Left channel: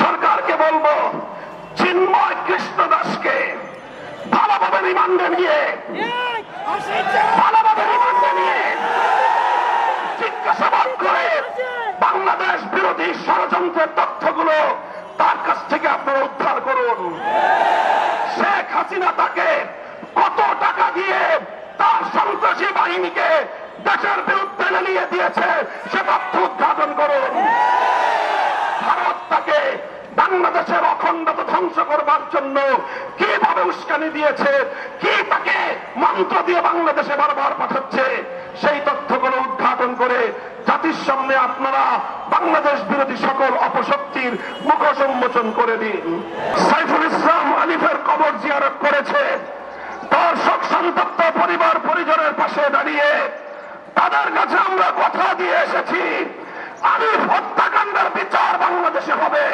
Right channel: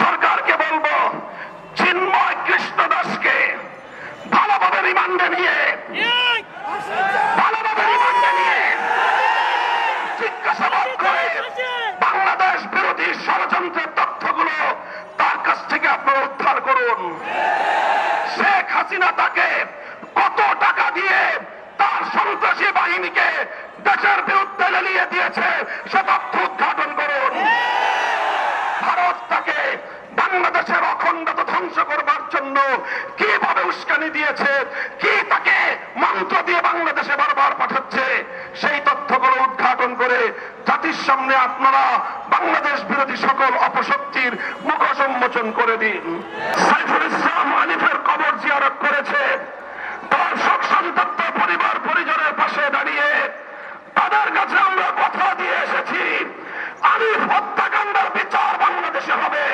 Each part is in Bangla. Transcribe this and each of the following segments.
সরকারকে বলবো চিন্ময় কৃষ্ণ দাসকে ভালোভাবে রিমান্ডে নিয়ে জিজ্ঞাসাবাদ করে বাংলাদেশ বিরোধী ষড়যন্ত্রের তথ্যগুলো তার কাছ থেকে আপনারা উদ্ধার করুন। শেখ হাসিনা তাকে কত টাকা দিয়ে তার সন্ত্রাসী বাহিনীকে দেশের বিরুদ্ধে লেলিয়ে দিয়েছে সে তথ্য উদ্ঘাটন করুন। ভারত তাকে বাংলাদেশের অখণ্ডতা ধ্বংস করবার জন্য কিভাবে উস্কানি দিয়েছে, কি তাকে মন্ত্র দিয়ে বাংলাদেশে বারবার পাঠাচ্ছে, সেই তথ্যগুলো উদ্ঘাটন করে জাতির সামনে আপনারা বাংলাদেশ বিরোধী সকল অপশক্তির মুখোশ উন্মোচন করে দিন। সাইফুল ইসলাম আলিফের কবর জিয়ারত করেছে, তার শোক সন্তপ্ত পরিবার পরিজনের পাশে দাঁড়িয়ে তাদের কাছে আমরা কথা দিয়ে এসেছি, আলিফ হত্যাকাণ্ডের বিচার বাংলাদেশে হবে।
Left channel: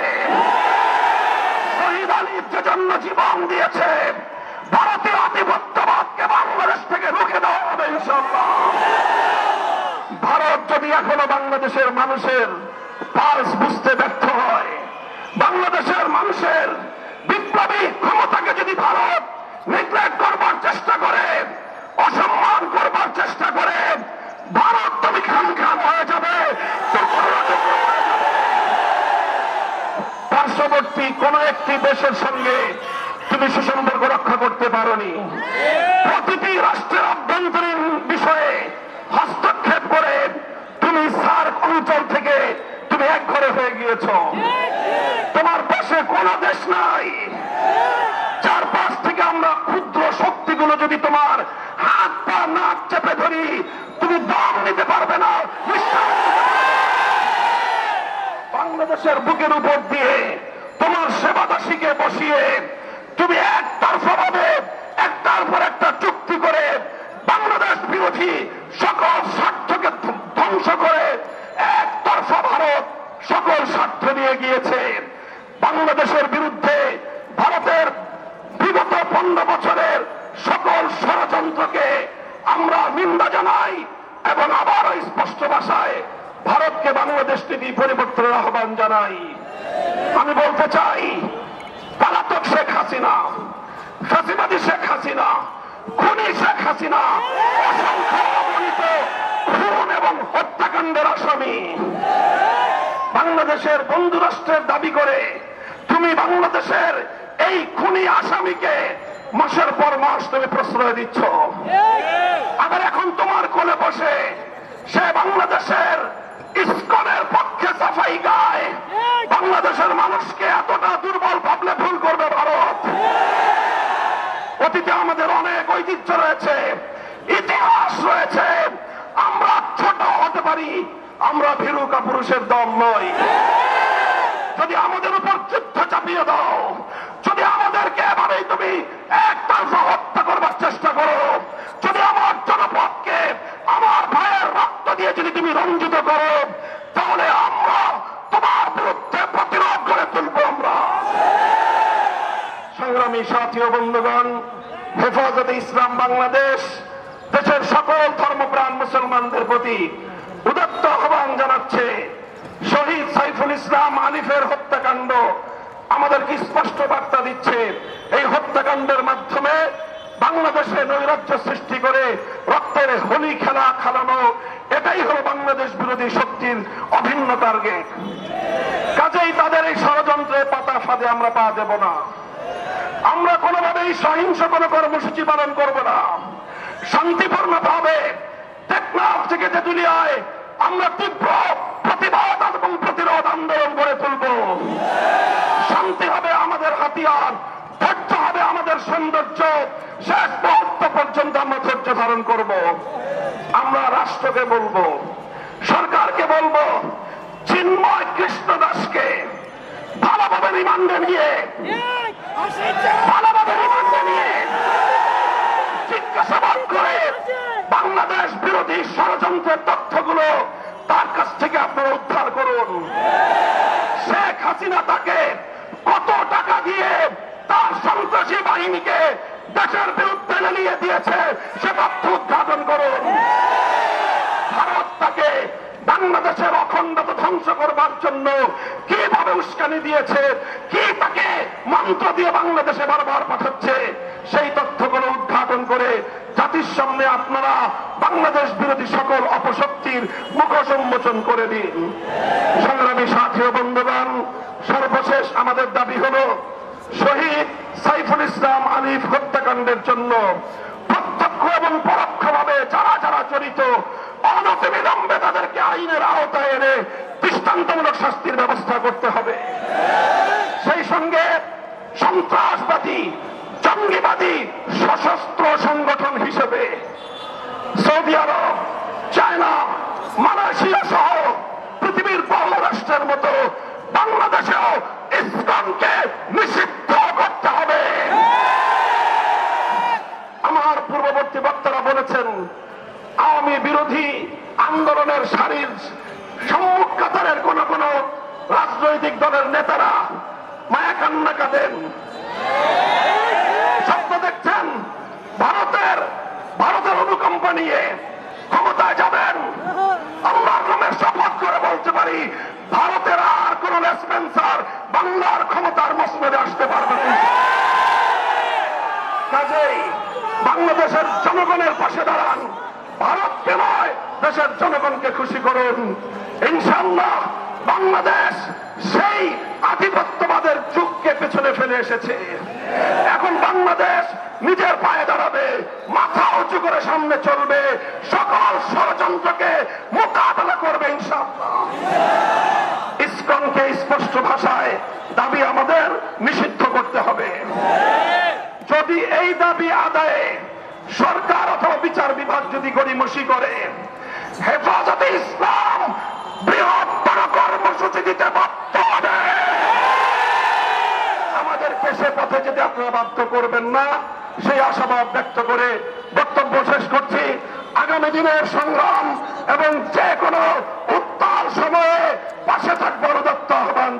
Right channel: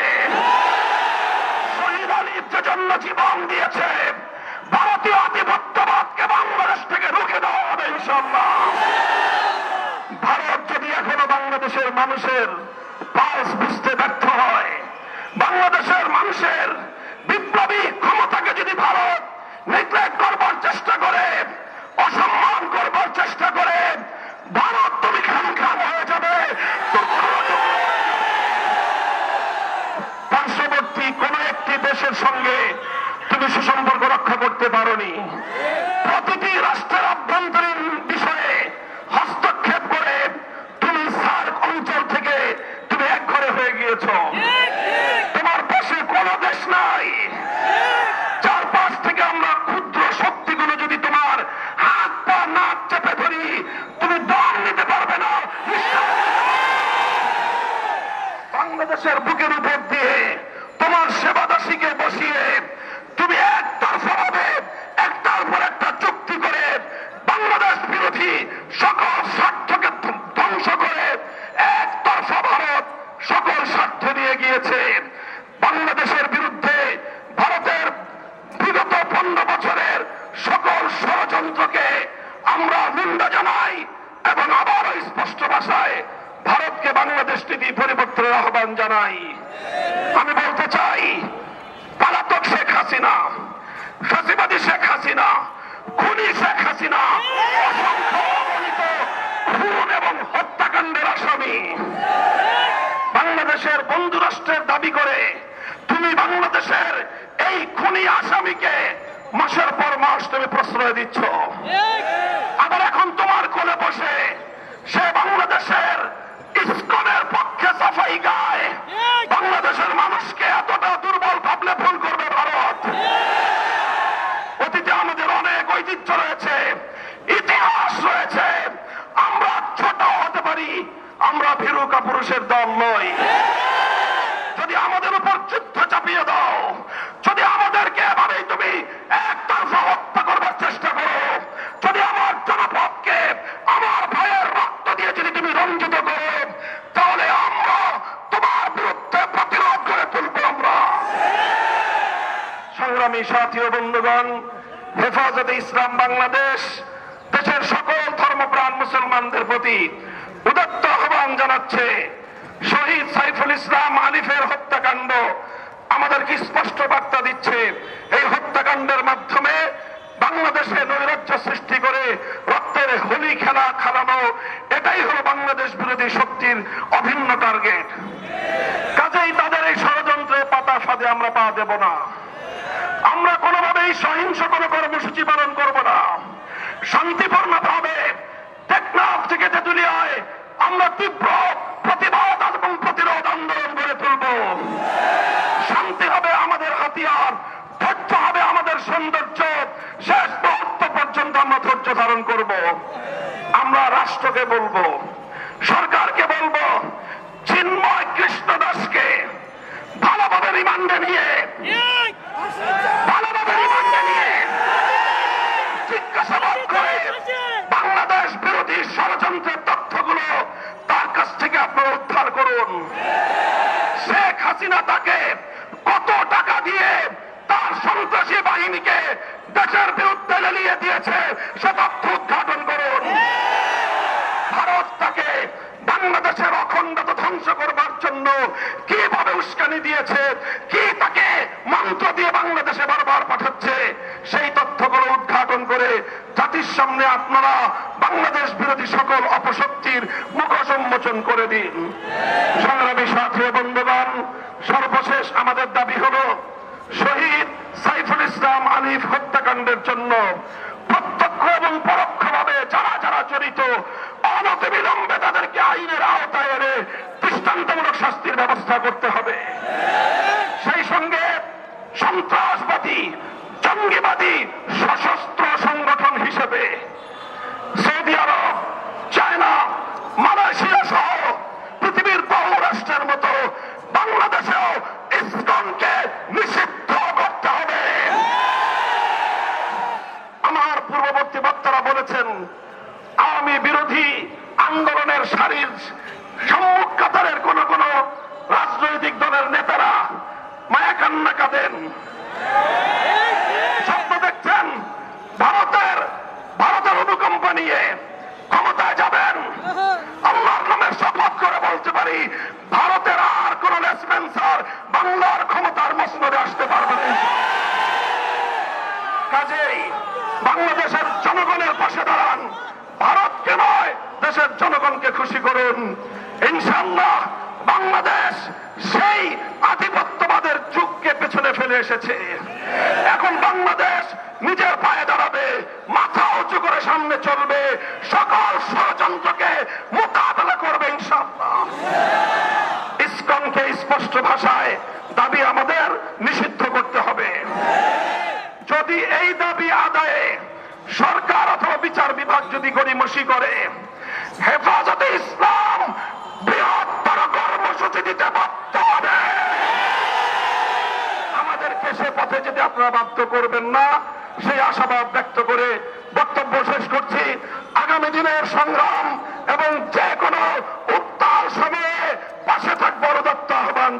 শহীদ আলিফ যে জন্য জীবন দিয়েছে, ভারতীয় আধিপত্যবাদকে বাংলাদেশ থেকে রুখে দেওয়া হবে ইনশাআল্লাহ। ভারত যদি এখনো বাংলাদেশের মানুষের পালস বুঝতে ব্যর্থ হয়, বাংলাদেশের মানুষের বিপ্লবী ক্ষমতাকে যদি ভারত নেগলেক্ট করবার চেষ্টা করে, অসম্মান করবার চেষ্টা করে, ভারত তুমি খান হয়ে যাবে, পার্শ্ববর্তী কোন একটি দেশের সঙ্গে তুমি সুসম্পর্ক রক্ষা করতে পারোনি। প্রতিটি রাষ্ট্রের আভ্যন্তরীণ বিষয়ে হস্তক্ষেপ করে তুমি সার্ক অঞ্চল থেকে তুমি এক ঘরে হয়ে গিয়েছ। তোমার পাশে কোন দেশ নাই। চারপাশ থেকে আমরা ক্ষুদ্র শক্তিগুলো যদি তোমার হাত পা নাক চেপে ধরি, তুমি দম নিতে পারবে না। বাংলাদেশের বুকের উপর দিয়ে তোমার সেবাদাসীকে বসিয়ে তুমি একতরফাভাবে একটার পর একটা চুক্তি করে বাংলাদেশ বিরোধী সকল স্বার্থকে ধ্বংস করে একতরফা ভারত সকল স্বার্থ নিয়ে গিয়েছে। বাংলাদেশের বিরুদ্ধে ভারতের বিগত 15 বছরের সকল ষড়যন্ত্রকে আমরা নিন্দা জানাই এবং আবারও স্পষ্ট ভাষায় ভারতকে বাংলাদেশ নীতি পরিবর্তনের আহ্বান জানাই। আমি বলতে চাই, পলাতক শেখ হাসিনা, ফাঁসিবাদী শেখ হাসিনা, খুনি শেখ হাসিনা অসংখ্য অগণিত খুন এবং হত্যাকাণ্ডের আসামি। বাংলাদেশের বন্ধু রাষ্ট্রের দাবি করে তুমি বাংলাদেশের এই খুনি আসামিকে মাসের পর মাস তুমি প্রশ্রয় দিচ্ছ। আবার এখন তোমার কোলে বসে সে বাংলাদেশের ইসকনের পক্ষে সাফাই গায়। বাংলাদেশের মানুষকে এতটা দুর্বল ভাবলে ভুল করবে ভারত। অতীতে আমাদের অনেক ঐতিহ্য রয়েছে, ইতিহাস রয়েছে। আমরা ছোট হতে পারি, আমরা ভীরু কাপুরুষের দল নই। যদি আমাদের উপর যুদ্ধ চাপিয়ে দাও, যদি আমাদেরকে এভাবেই তুমি একতরফা হত্যা করবার চেষ্টা করো, যদি আমার জনপদকে আমার ভাইয়ের রক্ত দিয়ে যদি তুমি রঞ্জিত করো, তাহলে আমরা তোমার বিরুদ্ধে প্রতিরোধ করে তুলব। আমরা সংগ্রামী সাথী ও বন্ধুগণ, হেফাজতে ইসলাম বাংলাদেশ দেশের সকল ধর্মপ্রাণ মুসলমানদের প্রতি উদাত্ত আহ্বান জানাচ্ছে। শহীদ সাইফুল ইসলাম আলিফের হত্যাকাণ্ড আমাদেরকে স্পষ্ট বার্তা দিচ্ছে, এই হত্যাকাণ্ডের মাধ্যমে বাংলাদেশে নৈরাজ্য সৃষ্টি করে রক্তের হোলি খেলা খেলানো, এটাই হলো বাংলাদেশ বিরোধী শক্তির অভিন্ন টার্গেট। কাজেই তাদের এই ষড়যন্ত্রের পাতা ফাঁদে আমরা পা দেব না। আমরা কোনোভাবেই সহিংস কোন কর্মসূচি পালন করব না। শান্তিপূর্ণ ভাবে টেকনাফ থেকে তেঁতুলিয়ায় আমরা তীব্র প্রতিবাদ এবং প্রতিরোধ আন্দোলন গড়ে তুলব। শান্তি হবে আমাদের হাতিয়ার, ধৈর্য হবে আমাদের সৌন্দর্য। শেষ মুহূর্ত পর্যন্ত আমরা ধৈর্য ধারণ করব। আমরা রাষ্ট্রকে বলবো, সরকারকে বলবো, চিন্ময় কৃষ্ণ দাসকে ভালোভাবে রিমান্ডে নিয়ে জিজ্ঞাসাবাদ করে বাংলাদেশ বিরোধী ষড়যন্ত্রের তথ্যগুলো তার কাছ থেকে আপনারা উদ্ধার করুন। শেখ হাসিনা তাকে কত টাকা দিয়ে তার সন্ত্রাসী বাহিনীকে দেশের বিরুদ্ধে লেলিয়ে দিয়েছে সে তথ্য উদ্ঘাটন করুন। ভারত তাকে বাংলাদেশের অখণ্ডতা ধ্বংস করবার জন্য কিভাবে উস্কানি দিয়েছে, কি তাকে মন্ত্র দিয়ে বাংলাদেশে বারবার পাঠাচ্ছে, সেই তথ্যগুলো উদ্ঘাটন করে জাতির সামনে আপনারা বাংলাদেশ বিরোধী সকল অপশক্তির মুখোশ উন্মোচন করে দিন। সংগ্রামী সাথী ও বন্ধুগণ, সর্বশেষ আমাদের দাবি হলো শহীদ সাইফুল ইসলাম আলিফ হত্যাকাণ্ডের জন্য প্রত্যক্ষ এবং পরোক্ষভাবে যারা যারা জড়িত অনতিবিলম্বে তাদেরকে আইনের আওতায় এনে দৃষ্টান্তমূলক শাস্তির ব্যবস্থা করতে হবে। সেই সঙ্গে সন্ত্রাসবাদী জঙ্গিবাদী সশস্ত্র সংগঠন হিসেবে সৌদি আরব, চায়না, মালয়েশিয়া সহ পৃথিবীর বহু রাষ্ট্রের মতো বাংলাদেশেও ইসলামকে নিষিদ্ধ করতে হবে। আমার পূর্ববর্তী বক্তারা বলেছেন আওয়ামী বিরোধী আন্দোলনের সারির সম্মুখ কাতারের কোন কোন রাজনৈতিক দলের নেতারা মায়া কান্না কাঁদেন। স্বপ্ন দেখছেন ভারতের অনুকম্পা নিয়ে ক্ষমতায় যাবেন। আল্লাহর নামের শপথ করে বলতে পারি ভারতের আর কোন লেসপেন্সার বাংলার ক্ষমতার মসনদে আসতে পারবে না। কাজেই বাংলাদেশের জনগণের পাশে দাঁড়ান, ভারতকে নয় দেশের জনগণকে খুশি করুন। ইনশাআল্লাহ বাংলাদেশ সেই আধিপত্যবাদের যুগকে পেছনে ফেলে এসেছে। এখন বাংলাদেশ নিজের পায়ে দাঁড়াবে, মাথা উঁচু করে সামনে চলবে, সকল ষড়যন্ত্রকে মোকাবেলা করবে ইনশাআল্লাহ। ইসকনকে স্পষ্ট ভাষায় দাবি আমাদের নিষিদ্ধ করতে হবে। যদি এই দাবি আদায়ে সরকার অথবা বিচার বিভাগ যদি গড়িমসি করে, হেফাজতে ইসলাম বৃহত্তর কর্মসূচি দিতে বাধ্য হবে। আমাদেরকে সে পথে যেতে আপনারা বাধ্য করবেন না, সেই আশাবাদ ব্যক্ত করে বক্তব্য শেষ করছি। আগামী দিনের সংগ্রাম এবং যে কোনো উত্তাল সময়ে পাশে থাকবার উদাত্ত আহ্বান।